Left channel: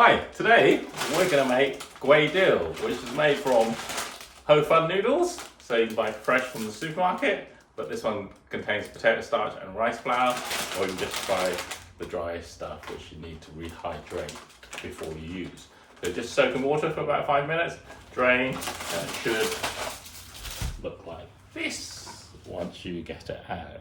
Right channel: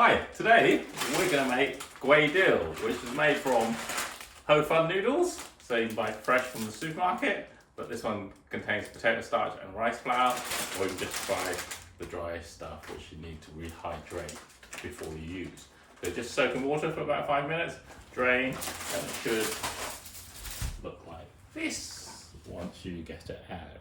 Hi, today we're going to make Kwai Diew, which is made from Hokkein noodles. So you can buy fresh from the supermarket, but this one contains potato starch and rice flour, or you can just buy the dry stuff which you need to rehydrate before you use. So just soak in water for about 5 minutes, drain, and it should look like this once you get it out.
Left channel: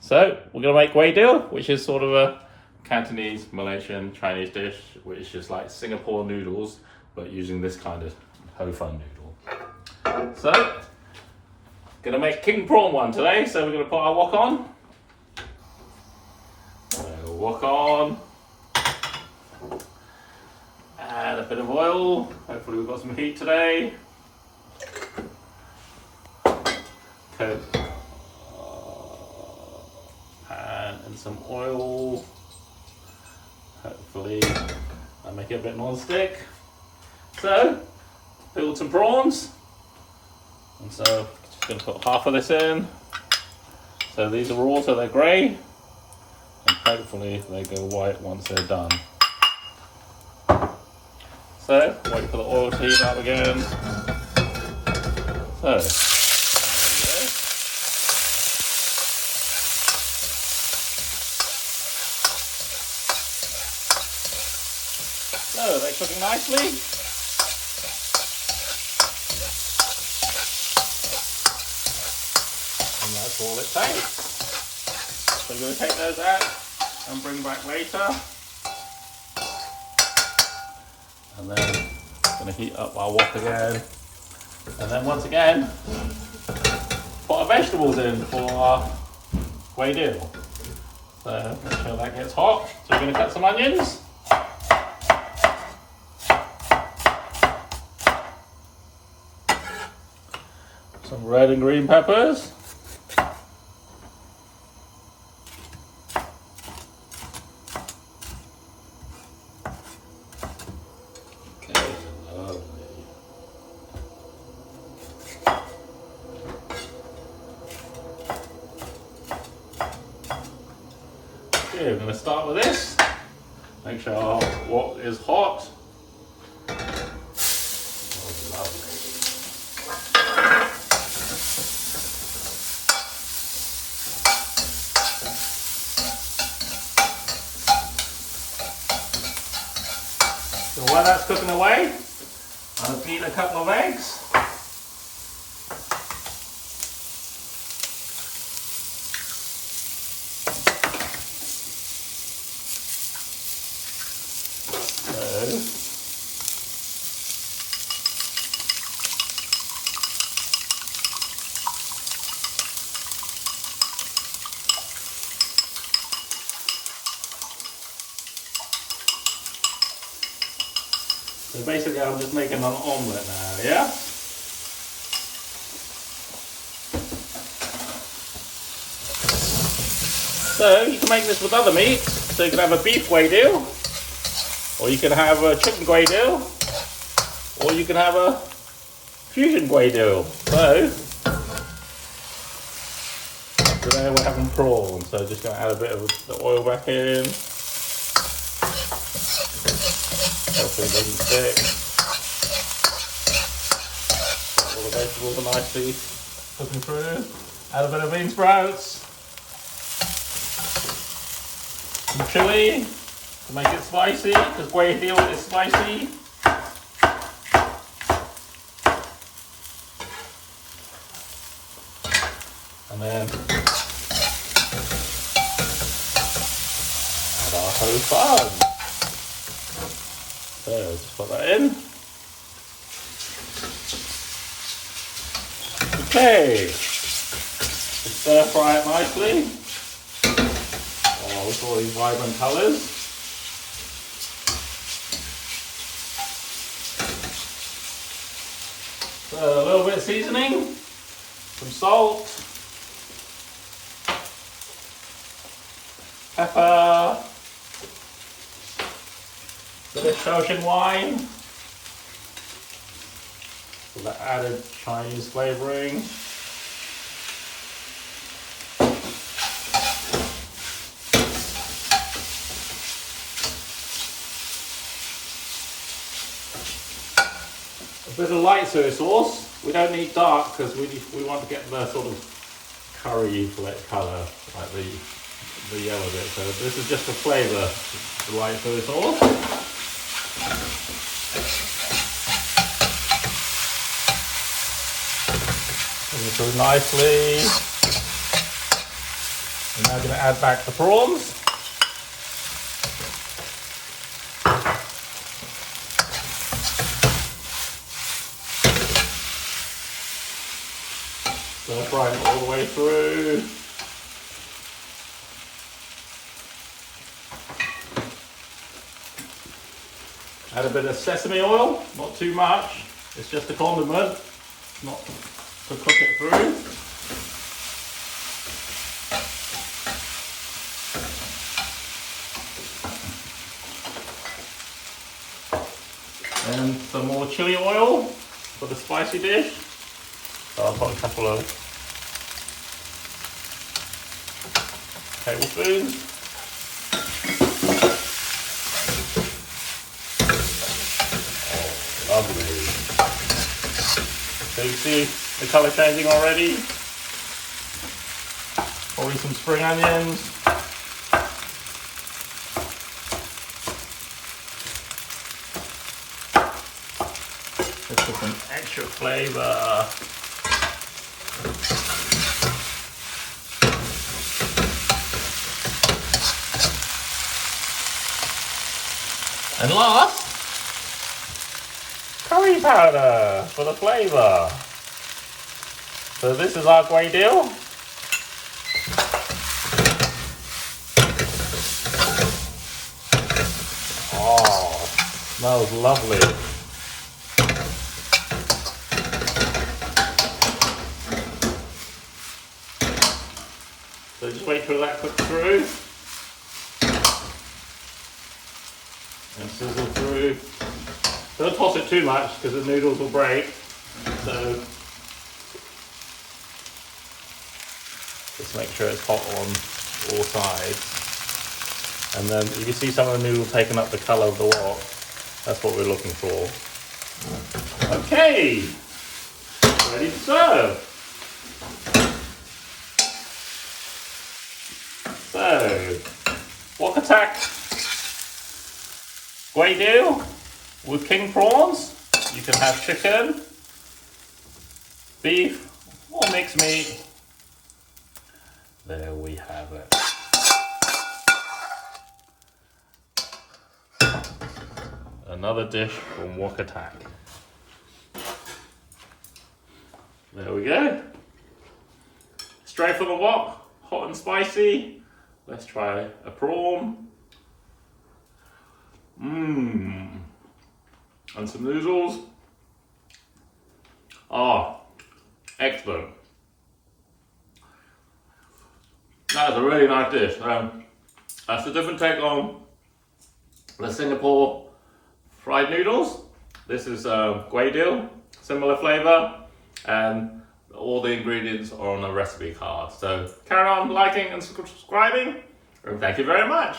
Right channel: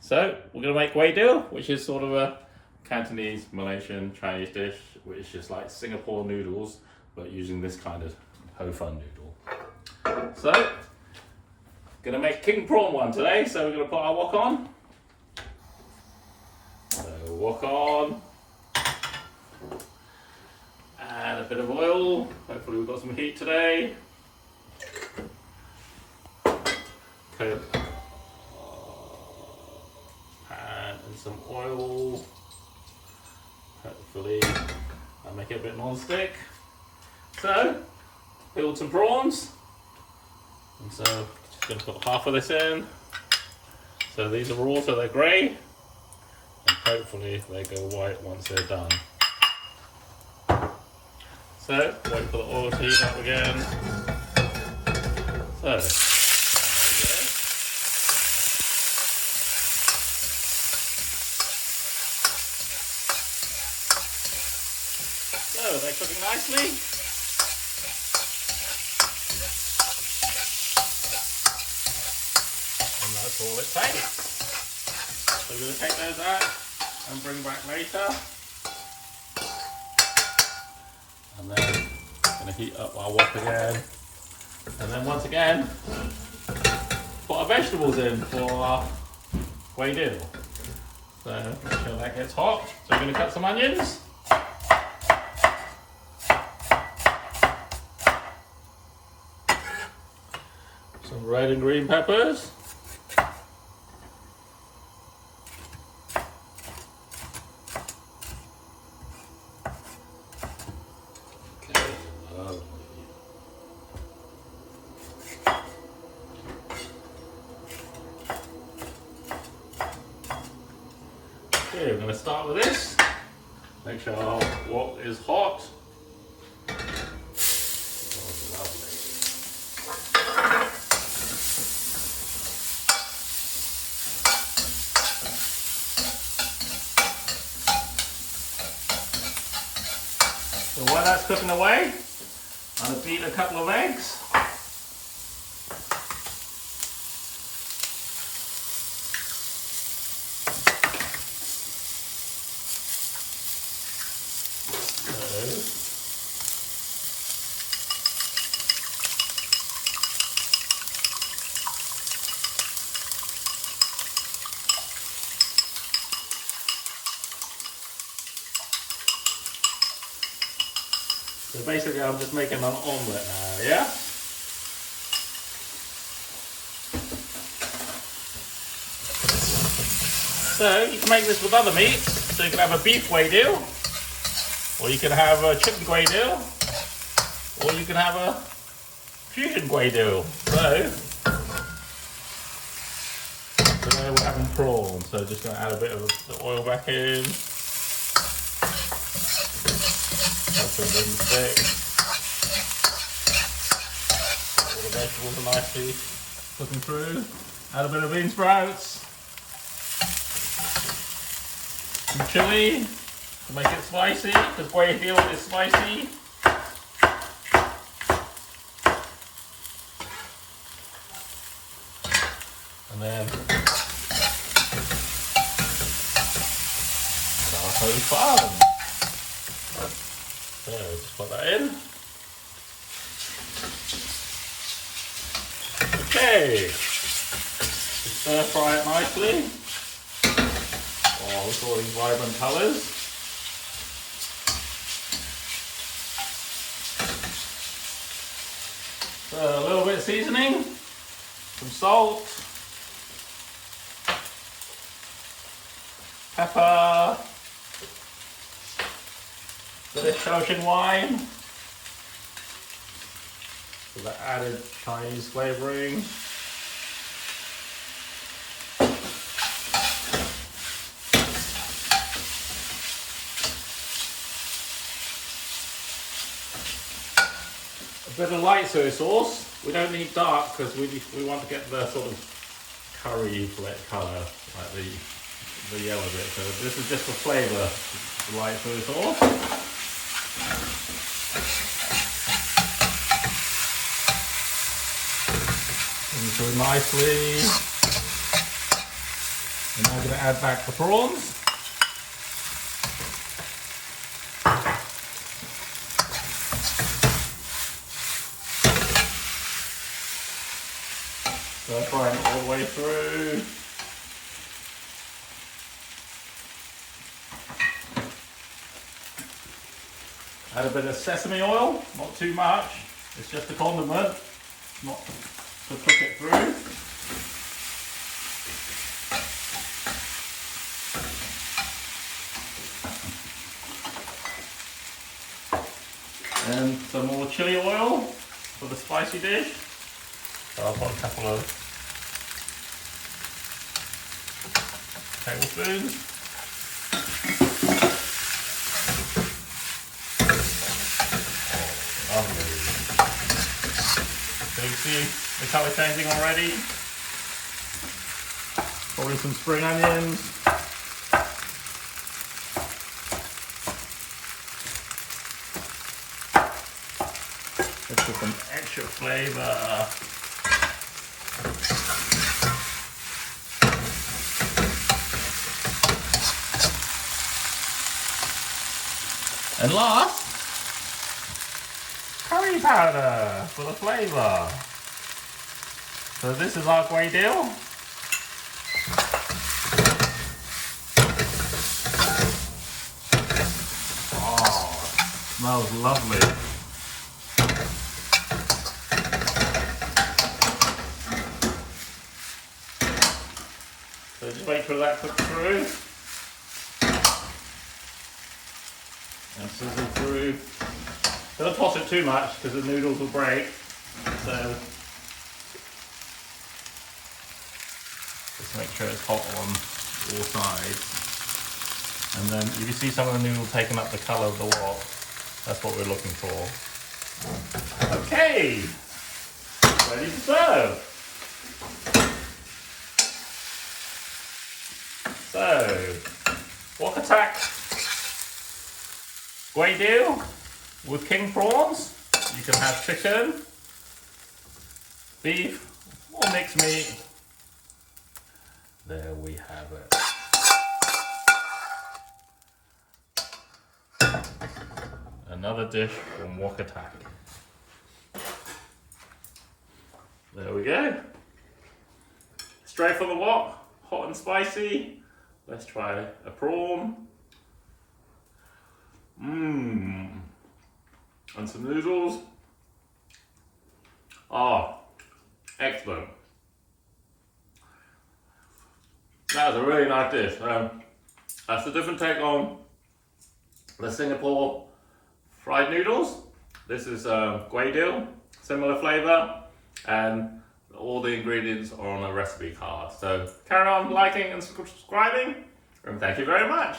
So we're going to make Kwai Diew, which is sort of a Cantonese, Malaysian, Chinese dish, which is just like Singapore noodles, but using this kind of Hokkein noodle. So, gonna make King Prawn one today, so we're gonna put our wok on. So, wok on. And a bit of oil. Hopefully we've got some heat today. Coat. And some oil. Hopefully I'll make it a bit non-stick. So, peeled some prawns. And so, just going to put half of this in. So these are raw, so they're grey. And hopefully they go white once they're done. So, wait for the oil to heat up again. So, so they're cooking nicely. And that's all it takes. So we're going to take those out and bring back later. And then going to heat up our wok again. And then once again, put our vegetables in for our Kwai Diew. So make sure that gets hot. So we're going to cut some onions. Some red and green peppers. Okay, lovely. Okay, we're going to start with this. Make sure our wok is hot. So while that's cooking away, I'll beat a couple of eggs. So basically I'm just making an omelette now, yeah? So you can make this with other meats. So you can have a beef Kwai Diew, or you can have a chicken Kwai Diew, or you can have a fusion Kwai Diew. So today we're having prawns, so just going to add a bit of the oil back in. Hopefully it doesn't stick. All the vegetables are nicely cooking through. Add a bit of Beansprouts. Some chilli to make it spicy, because Kwai Diew is spicy. And then our Hokkein. So just put that in. Okay. Just stir fry it nicely. Oh, look at all these vibrant colours. So a little bit of seasoning, some salt, pepper, bit of Shaoxing wine for the added Chinese flavouring. bit of light soy sauce. We don't need dark because we want to get the sort of curry colour, like the yellow bit. So this is just for flavour, the light soy sauce. Bring it through nicely. We're now going to add back the prawns. So frying it all the way through. Add a bit of sesame oil, not too much. It's just a condiment, not to cook it through. And some more chili oil for the spicy dish. So I'll put a couple of tablespoons. Oh, lovely. So you see the colour changing already. Probably some spring onions. Just for some extra flavour. And last, curry powder for the flavour. So this is our Kwai Diew. Oh, smells lovely. So just wait till that cooks through. And sizzle through. Don't toss it too much because the noodles will break. So just make sure it's hot on all sides. And then if you see some of the noodles taking up the colour of the wok, that's what we're looking for. Okay, ready to serve. So, Wok-a-Tak Kwai Diew with King Prawns. You can have chicken, beef, or mixed meat. There we have it. Another dish from Wok-a-Tak. There we go. Straight from the wok, hot and spicy. Let's try a prawn. And some noodles. Ah, excellent. That is a really nice dish. That's a different take on the Singapore fried noodles. This is Kwai Diew, similar flavour, and all the ingredients are on a recipe card. So carry on liking and subscribing, and thank you very much.